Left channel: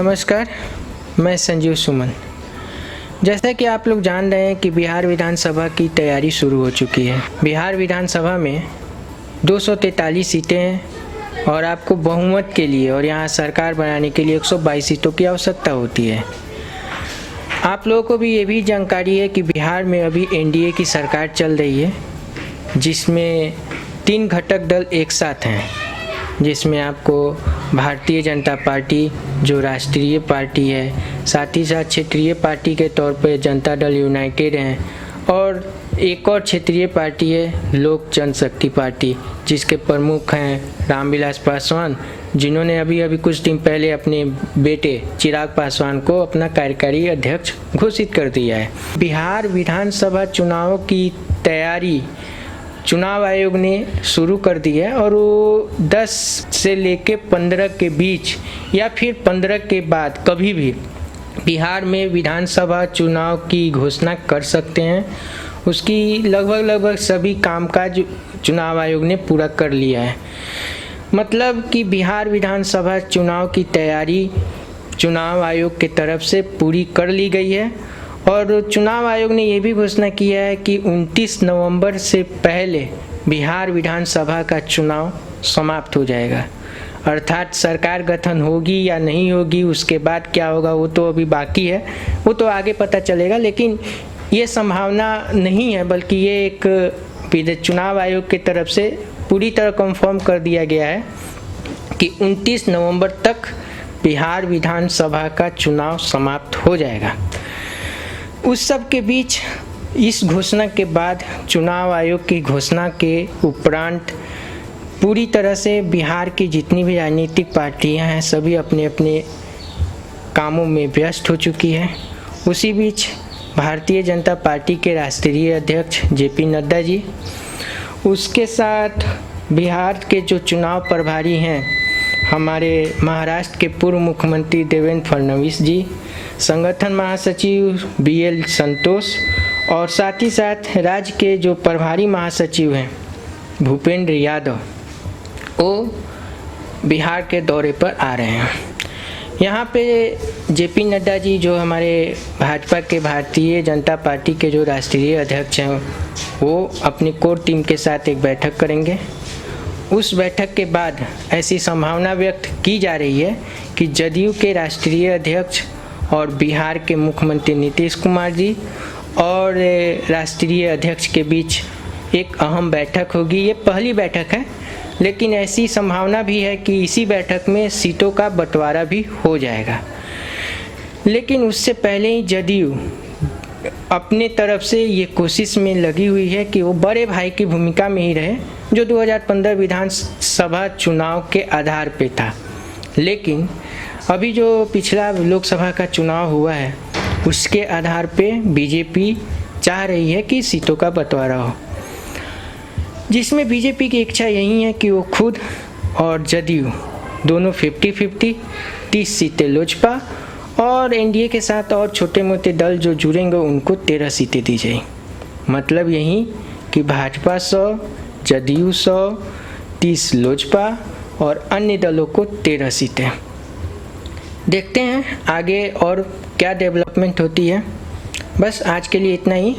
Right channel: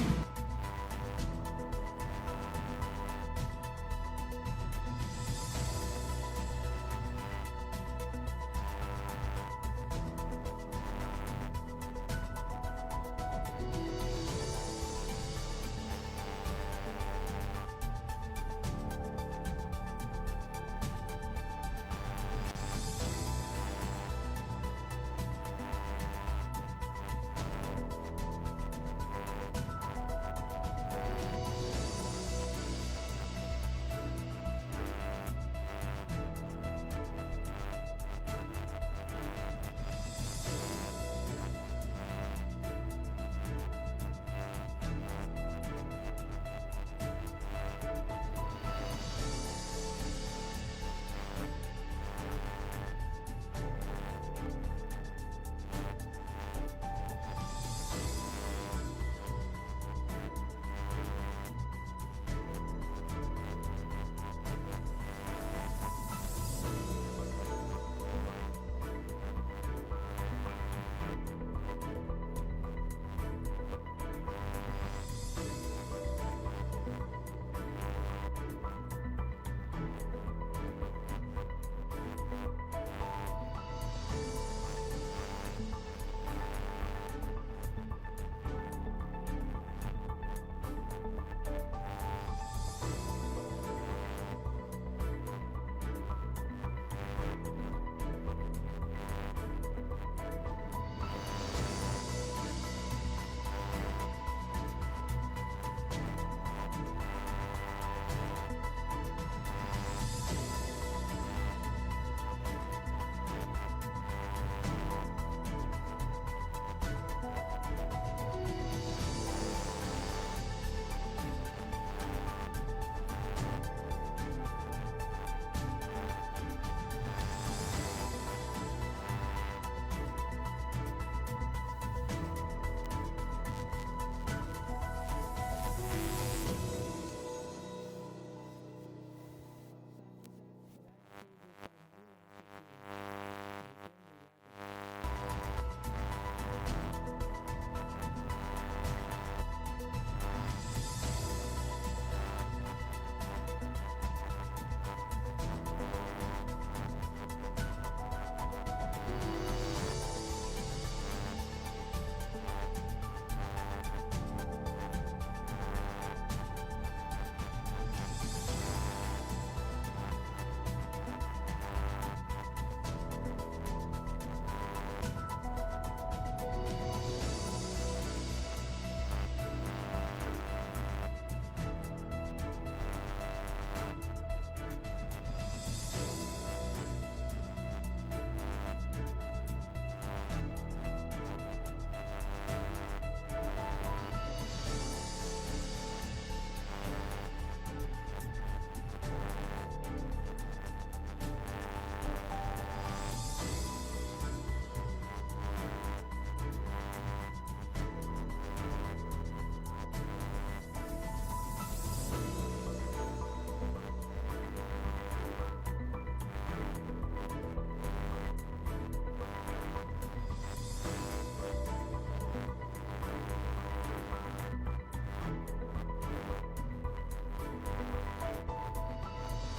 नमस्कार, मैं संजीव सुमन। जैसा कि आप लोग जान रहे हैं कि बिहार विधानसभा की तैयारी शुरू हो चुकी है। बिहार विधानसभा में 243 सीटें हैं और आपको बहुमत के लिए और यहाँ सरकार बनाने के लिए 122 सीटों की आवश्यकता होती है। आप लोगों को भी ये भी जानकारी है कि बिहार में अभी एनडीए की सरकार चल रही है, जिसमें 3 घटक दल एक साथ हैं, जिसमें आपको भारतीय जनता पार्टी जो राष्ट्रीय पार्टी है, साथ ही साथ क्षेत्रीय पार्टी के तौर पर जनता दल यूनाइटेड हैं और एक और क्षेत्रीय पार्टी है लोक जनशक्ति पार्टी, जिसके प्रमुख हैं रामविलास पासवान, जिन्होंने अभी कुछ दिन पहले अपने बेटे चिराग पासवान को अपना कार्यकारी अध्यक्ष घोषित कर दिया है। बिहार विधानसभा चुनाव की तैयारी चुनाव आयोग ने शुरू कर दी है और वो 10 से लेके 15 के बीच या फिर 15 के बाद कभी भी बिहार में विधानसभा चुनाव की घोषणा कर सकते हैं। उसकी लगभग सभी कामकाज चुनाव आयोग ने पूरा कर लिया है। मतलब कि बिहार विधानसभा चुनाव की तैयारी चुनाव आयोग की तरफ से पूरी कर ली गई है और चुनाव आयोग ने ये भी घोषणा किया है कि 29 नवंबर से पहले बिहार विधानसभा का चुनाव समाप्त हो जाएगा। अर्थात सरकार गठन होगी या नहीं होगी, उसके बाद क्या होगा वो तो अभी बाकी है, वो तो आगे पता चलेगा। लेकिन ये संभावना नहीं है, बल्कि ये एक चुनाव आयोग की तरफ से पूरी तरह कंफर्म कर दिया गया है कि 29 नवंबर तक बिहार विधानसभा का चुनाव समाप्त हो जाएगा। उस सब के बीच इस घोषणा के बाद चुनाव आयोग की घोषणा के उपरांत पूरी तरह से बिहार की जितनी भी राजनीतिक पार्टियां हैं सभी अपने अपने कामों में व्यस्त हो चुकी हैं। उसी बीच भारतीय जनता पार्टी के राष्ट्रीय अध्यक्ष जेपी नड्डा जी, उसके साथ बिहार के जो चुनाव प्रभारी हैं हमारे महाराष्ट्र के पूर्व मुख्यमंत्री देवेंद्र फडणवीस जी, संगठन महासचिव बीएल संतोष और साथ ही साथ राज्य के जो प्रभारी महासचिव हैं भूपेंद्र यादव, वो बिहार के दौरे पर आ रहे हैं। यहाँ पे जेपी नड्डा जी जो हमारे भाजपा के भारतीय जनता पार्टी के जो राष्ट्रीय अध्यक्ष हैं, वो अपनी कोर टीम के साथ एक बैठक करेंगे। उस बैठक के बाद ऐसी संभावना व्यक्त की जा रही है कि जदयू के राष्ट्रीय अध्यक्ष और बिहार के मुख्यमंत्री नीतीश कुमार जी और राष्ट्रीय अध्यक्ष के बीच एक अहम बैठक होगी। ये पहली बैठक है, लेकिन ऐसी संभावना भी है कि इसी बैठक में सीटों का बंटवारा भी हो जाएगा। लेकिन उससे पहले ही जदयू अपने तरफ से ये कोशिश में लगी हुई है कि वो बड़े भाई की भूमिका में ही रहे, जो 2015 विधानसभा चुनाव के आधार पे था। लेकिन अभी जो पिछला लोकसभा का चुनाव हुआ है उसके आधार पे बीजेपी चाह रही है कि सीटों का बंटवारा हो, जिसमें बीजेपी की इच्छा यही है कि वो खुद और जदयू दोनों 50-50 30 सीटें लोजपा और एनडीए के साथ और छोटे मोटे दल जो जुड़ेंगे उनको 13 सीटें दी जाए। मतलब यही कि भाजपा 100, जदयू 100, 30 लोजपा और अन्य दलों को 13 सीटें। देखते हैं आगे और क्या डेवलपमेंट होती है। बस आज के लिए इतना ही।